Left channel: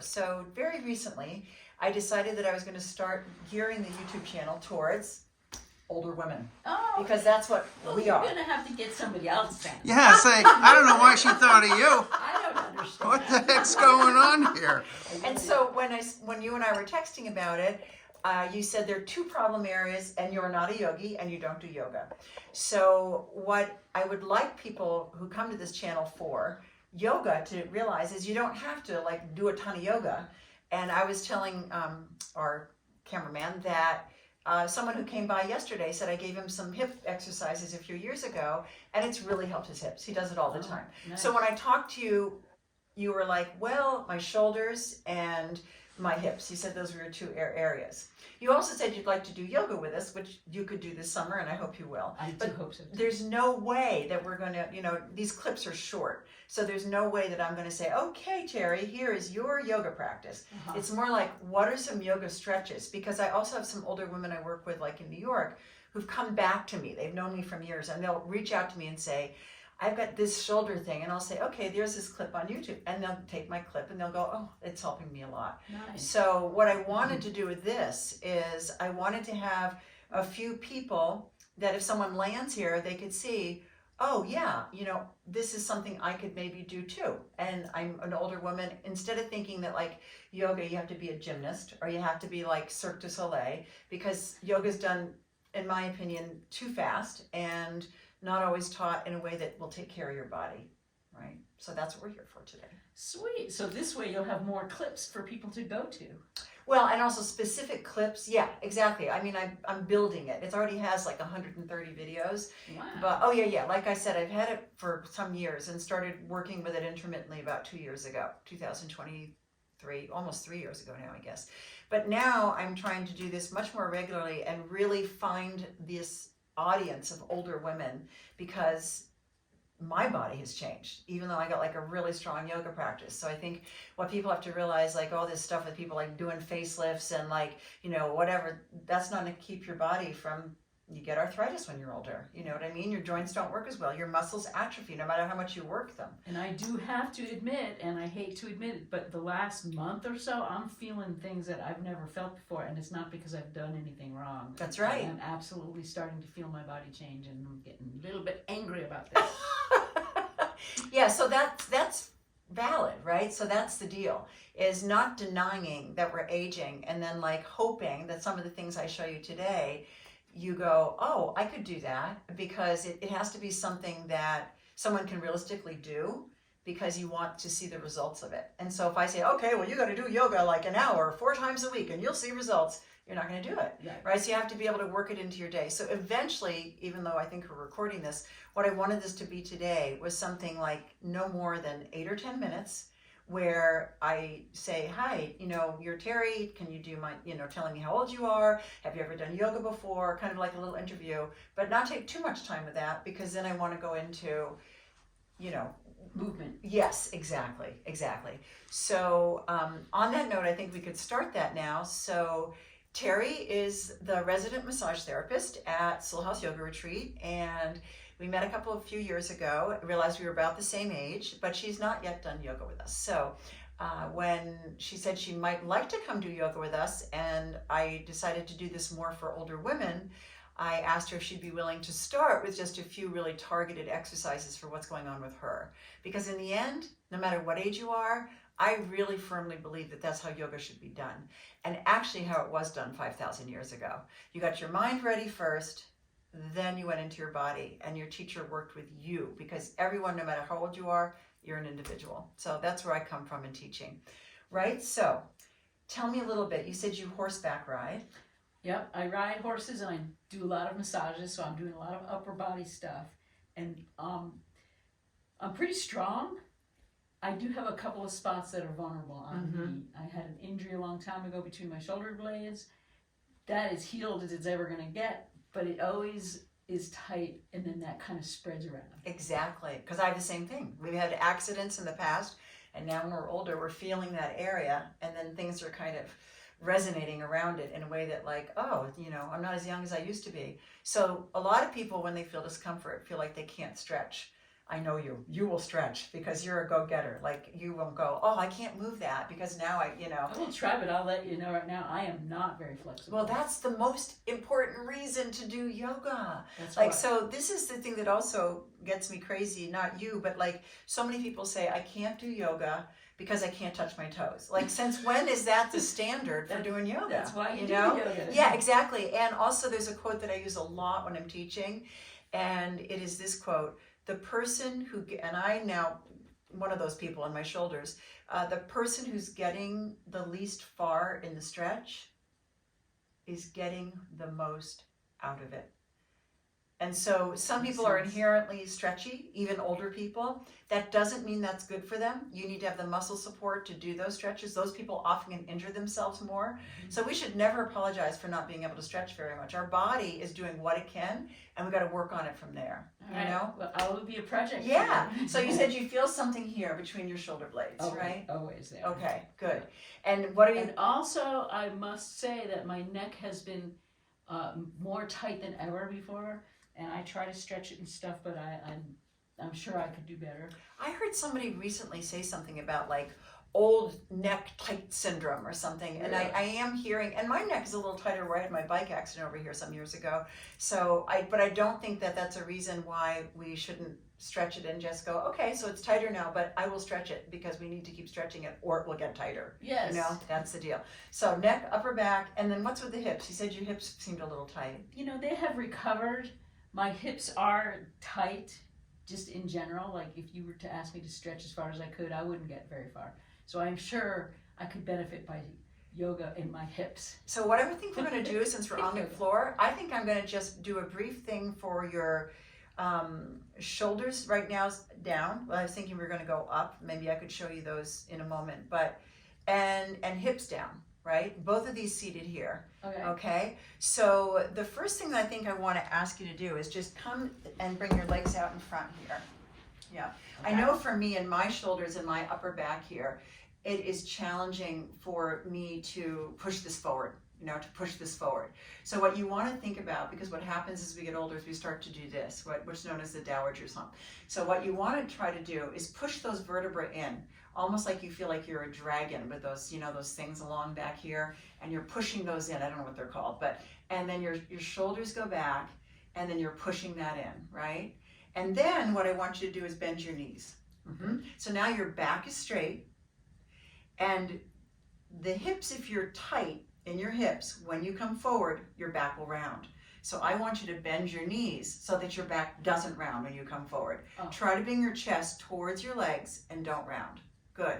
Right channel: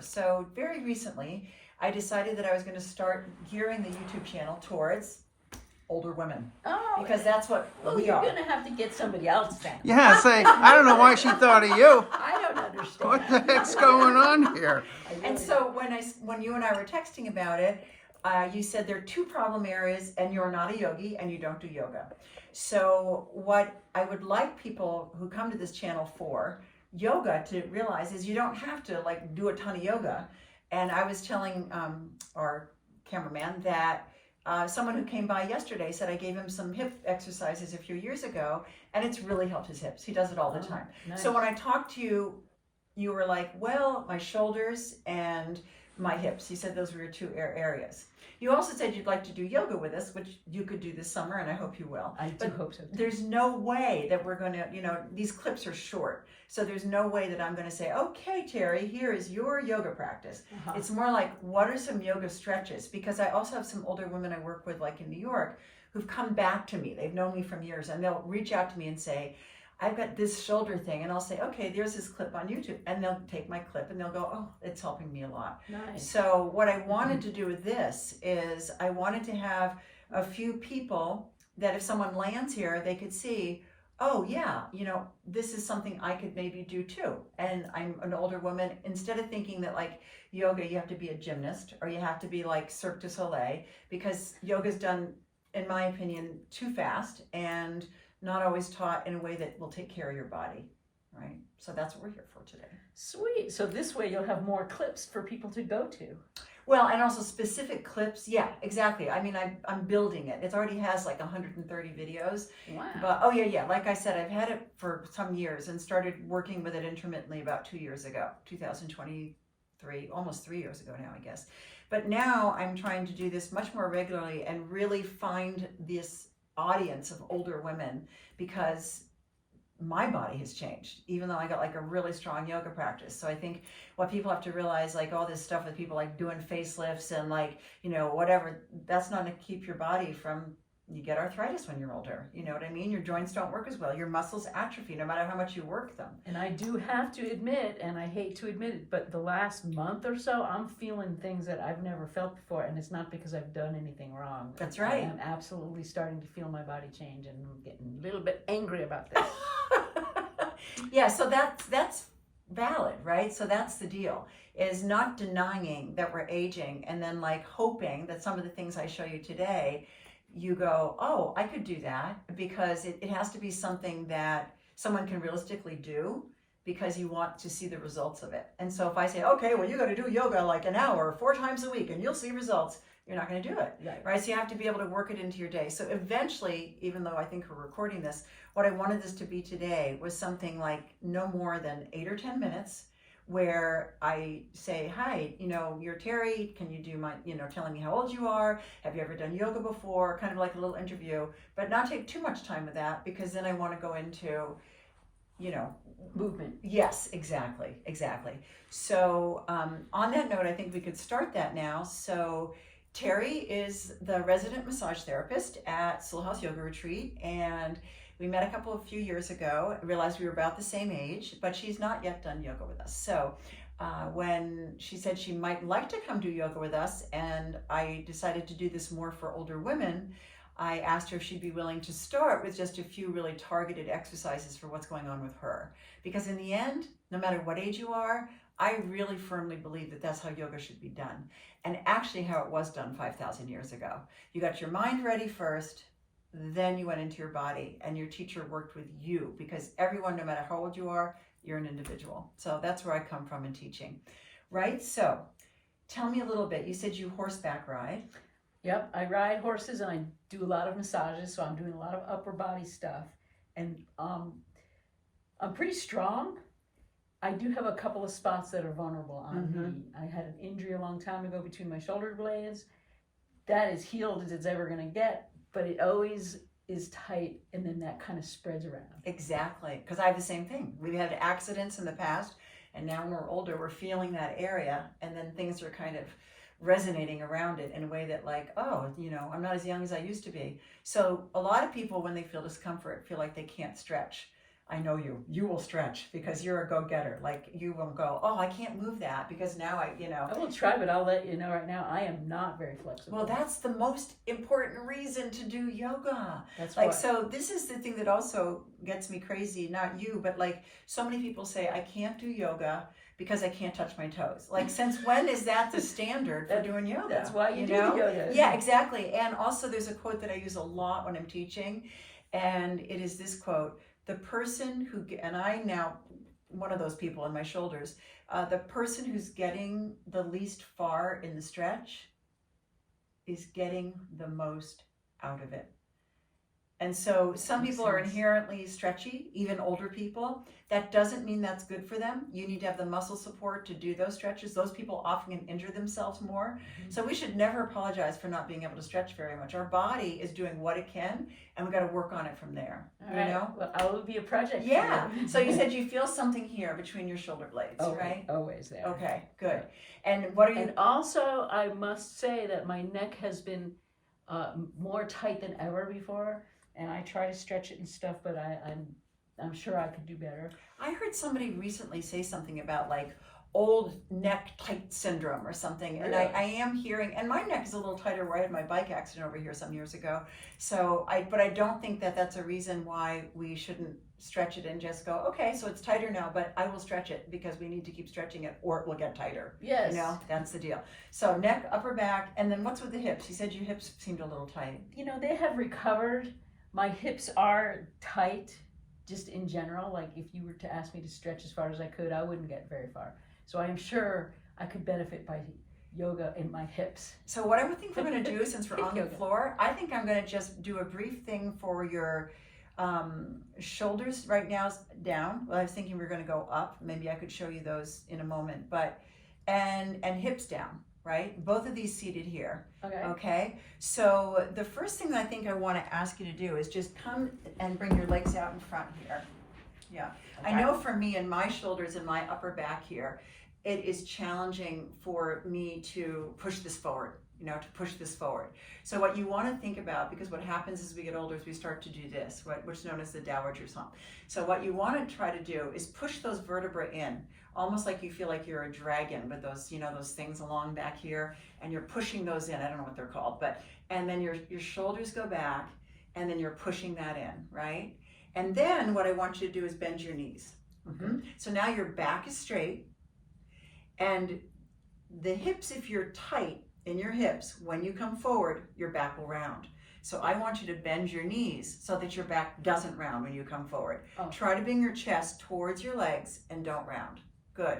So very recently, I decided that I was going to start gearing the YouTube channel towards older women. Oh, because that's what we you're are. You're gonna have to get somebody else then. Yeah, say, I don't know why she thought of you. I don't understand. What the heck's going on here? And so when you and I were texting about it, you said there are two problem areas, and you're not a yogi and you don't do yoga. So what I would like people who come to this channel for yoga to realize is you don't have to like do a ton of yoga. And I was telling our cameraman that someone who came by yesterday said I gave him some hip exercises a few years ago, and it's really helped his hips. He does it all the time. Nice. So when I talked to you, you were like, well, my shoulders and my hips. You said those were your two areas. You also said you'd like to do yoga with us, which you could do this summer, and I hope you will. I do hope so. There's no way that we're going to, these clips are short. So there's no way that I'm going to say, okay, Terry, here is your yoga practice. It's more like, what are some yoga stretches? Because I also have some older women I work with, like in New York, who've come back to me. They've known me from years, and they'll reach out to me and say, I've got this shoulder thing. And I'll say, okay, there's this clip on YouTube. And they'll take my clip and they'll go, oh, it's helping me a lot. Nice. So what I wanted to do with this is I wanted to have a few people that if someone lands here, they could see, oh yeah, this is something I could maybe do too. And I'm an older woman. Instead of thinking that like yoga, you have to be a gymnast or you have to be like Cirque du Soleil, because yoga's done, in my opinion, too fast and not always taught in a way that will take care of your body, right? So that's what we're here for today. Sweet. So this way you'll have more clips for people to go to. Well, and also specific clips. Yeah, exactly. I mean, I'm building it. It already has like 130 videos. Wow. But, oh yeah. Like I said, I've had it for some years and started working with it intermittently about 2 years ago, 2023, almost 3 years ago now, I guess. But now I'm trying to do this much more regularly and really find this audience of older women, because my body has changed, even though I got like a really strong yoga practice. So I think what people have to realize, like all this stuff with people like doing facelifts and like, whatever, that's not to keep your body from, you get arthritis when you're older. You know what I mean? Your joints don't work as well. Your muscles atrophy no matter how much you work them. And I do have to admit, and I hate to admit it, but the last month or so, I'm feeling things that I've never felt before, and it's not because I've done anything wrong. That's right. I'm absolutely starting to feel my body change, and I'm getting a little bit angry about this. Yeah, so that's valid, right? So that's the deal, is not denying that we're aging and then like hoping that some of the things I show you today, you go, oh, I could do that, because it has to be something that someone can realistically do, because you want to see the results of it. And so if I say, okay, well, you got to do yoga like an hour 4 times a week and you'll see results, you're not going to do it, right? So you have to be able to work it into your day. So eventually, even though I think we're recording this, what I wanted this to be today was something like no more than 8 or 10 minutes, where I say, hi, you're Terry, can you do my, telling me how old you are, have you ever done yoga before, kind of like a little interview, but not take too much time with that, because then I want to go into, movement. Yes, exactly. So on that note, I think we could start that now. So Terry is the resident massage therapist at Soul House Yoga Retreat, and we met a few years ago. I realized we were about the same age, but she's not yet done yoga with us. So when she said she might like to come do yoga with us, and I decided to do this more for older women, I asked her if she'd be willing to start with just a few really targeted exercises for what's going on with her. Because in the end, no matter what age you are, I really firmly believe that that's how yoga should be done. And actually how it was done 5,000 years ago. You got your mind ready first, then you went into your body, and your teacher worked with you, because everyone, no matter how old you are, you're an individual. So that's where I come from in teaching, right? So tell me a little bit. You said you horseback ride. Yep, I ride horses and I do a lot of massages, so I'm doing a lot of upper body stuff. And I'm pretty strong. I do have a couple of spots that are vulnerable on me. I had an injury a long time ago between my shoulder blades. That is healed as it's ever going to get, but it always is tight, and then that kind of spreads around. Exactly, because I have the same thing. We've had accidents in the past, and now when we're older, we're feeling that area, and then things are kind of resonating around it in a way that like, oh, I'm not as young as I used to be. So a lot of people, when they feel discomfort, feel like they can't stretch. I know you. You will stretch because you're a go-getter. Like you won't go, oh, I can't move that because now I will try, but I'll let you know right now, I am not very flexible. Well, that's the most important reason to do yoga. That's Like, why. so this is the thing that also gets me crazy, not you, but like so many people say, I can't do yoga because I can't touch my toes. Like, since when is that the standard for doing yoga? That's why you do know? the yoga. Yeah, exactly. And also there's a quote that I use a lot when I'm teaching, and it is this quote: the person who, and I now, one of those people on my shoulders, the person who's getting the least far in the stretch is getting the most out of it. And so some Makes people are sense. inherently stretchy, even older people. That doesn't mean that's good for them. You need to have the muscle support to do those stretches. Those people often can injure themselves more. So we should never apologize for not being able to stretch very much. Our body is doing what it can, and we've got to work on it from there. All right. You know? Well, I will be a project. for Yeah. you. So you said you feel something here between your shoulder blades, always, right? Always there. Okay, good. And what are you? And also, I must say that my neck has been more tight than ever before, and I try to stretch it and stuff, but I'm sure I could do better. I heard somebody recently say something about like old neck tight syndrome or something, and Really? I am hearing, and my neck is a little tighter where I had my bike accident over here some years ago. So but I don't think that that's a reason why we shouldn't stretch it and just go, okay, so it's tighter now, but I will stretch it because we need to keep stretching it or it will get tighter. Yes. You know, that's the deal. So neck, upper back, and then what's with the hips? You said your hips seemed a little tight. You know, they have recovered. My hips are tight, just in general. Like if you were to ask me to stretch as far as I could, I wouldn't get very far. So I'm sure I could benefit by yoga in my hips. So what I think we're going to do, since we're Hip on the yoga. floor, I think I'm going to just do a brief thing for your shoulders right now down. Well, I was thinking we were going to go up. Maybe I could show you those in a moment. But and hips down, right? Both of these seated here. Okay. Okay. So the first thing that I think I want to ask you to do is just come and bring your legs out in front here. Yeah. I know for me and my shoulders and my upper back here, it is challenging for me to push this forward, to push this forward. So what you want to think about, because what happens as we get older is we start to do this, which is known as the dowager's hump. So what you want to try to do is push those vertebrae in, almost like you feel like you're a dragon with those, those things along back here, and you're pushing those in. I don't know what they're called, and then your shoulders go back, and then you're pushing that in, right? And then what I want you to do is bend your knees. Mm-hmm. So now your back is straight, and the hips, if you're tight in your hips, when you come forward, your back will round. So I want you to bend your knees so that your back doesn't round when you come forward. Oh. Try to bring your chest towards your legs and don't round. Good,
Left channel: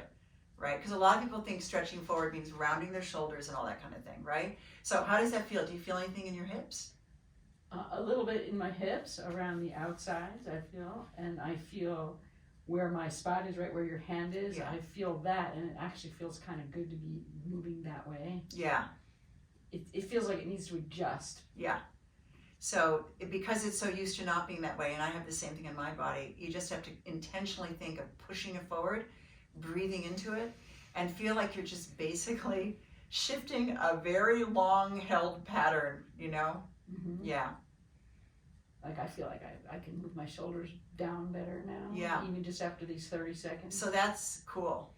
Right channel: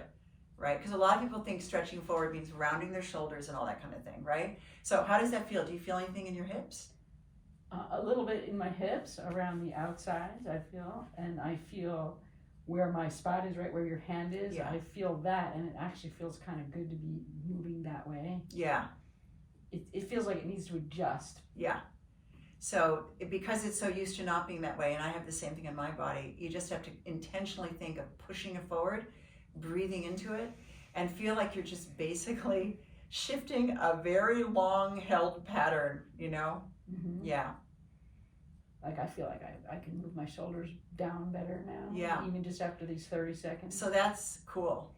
right? Because a lot of people think stretching forward means rounding their shoulders and all that kind of thing, right? So how does that feel? Do you feel anything in your hips? A little bit in my hips, around the outsides, I feel, and I feel where my spot is, right where your hand is. Yeah. I feel that, and it actually feels kind of good to be moving that way. Yeah. It feels like it needs to adjust. Yeah. So because it's so used to not being that way, and I have the same thing in my body, you just have to intentionally think of pushing it forward, breathing into it, and feel like you're just basically shifting a very long held pattern, Mm-hmm. Yeah. Like I feel like I can move my shoulders down better now. Yeah. Even just after these 30 seconds. So that's cool.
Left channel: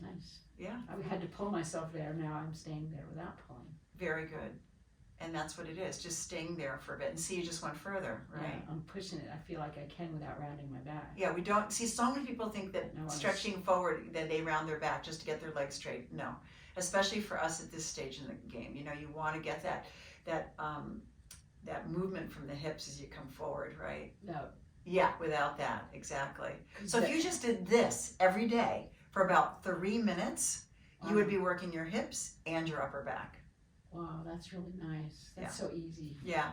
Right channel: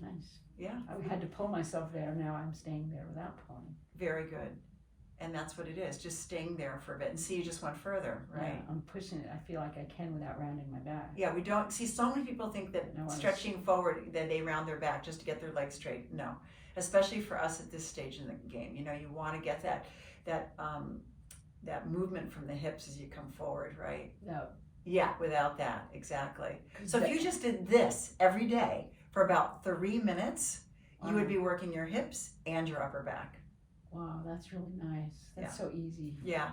Nice. Yeah. I had to pull myself there. Now I'm staying there without pulling. Very good. And that's what it is, just staying there for a bit. And see, you just went further, right? Yeah, I'm pushing it. I feel like I can without rounding my back. Yeah, we don't see, so many people think that No, stretching forward, that they round their back just to get their legs straight. No, especially for us at this stage in the game. You want to get that movement from the hips as you come forward, right? No. Yeah, without that, exactly. So if you just did this every day for about 3 minutes, you would be working your hips and your upper back. Wow, that's really nice. That's so easy. Yeah.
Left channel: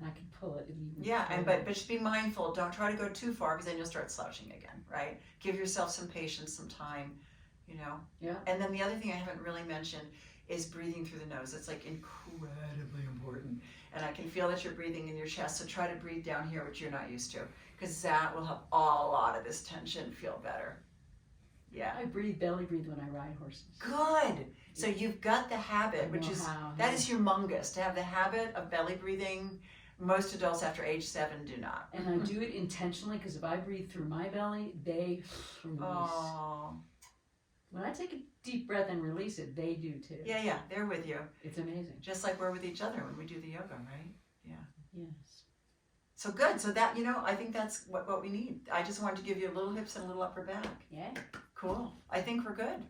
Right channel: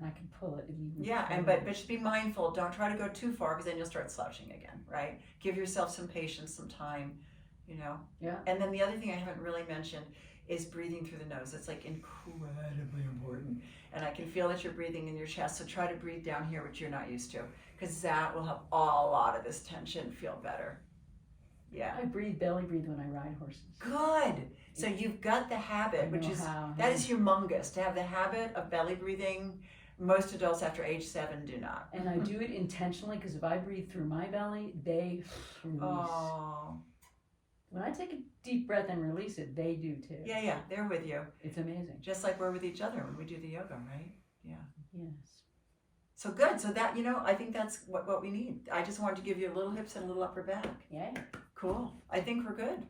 And I can pull it even Yeah, further. but just be mindful. Don't try to go too far because then you'll start slouching again, right? Give yourself some patience, some time, Yeah. And then the other thing I haven't really mentioned is breathing through the nose. It's like incredibly important. And I can feel that you're breathing in your chest, so try to breathe down here, which you're not used to, because that will help a lot of this tension feel better. Yeah. I belly breathe when I ride horses. Good. So you've got the habit, which is how. that is humongous to have the habit of belly breathing. Most adults after age 7 do not. And I do it intentionally because if I breathe through my belly, they release. Oh, When I take a deep breath and release it, they do too. yeah, they're with you. It's amazing. Just like we're with each other when we do the yoga, right? Yeah. Yes. So good. So that, I think that's what we need. I just wanted to give you a little hips and a little upper back. Yeah. Cool. I think we're good.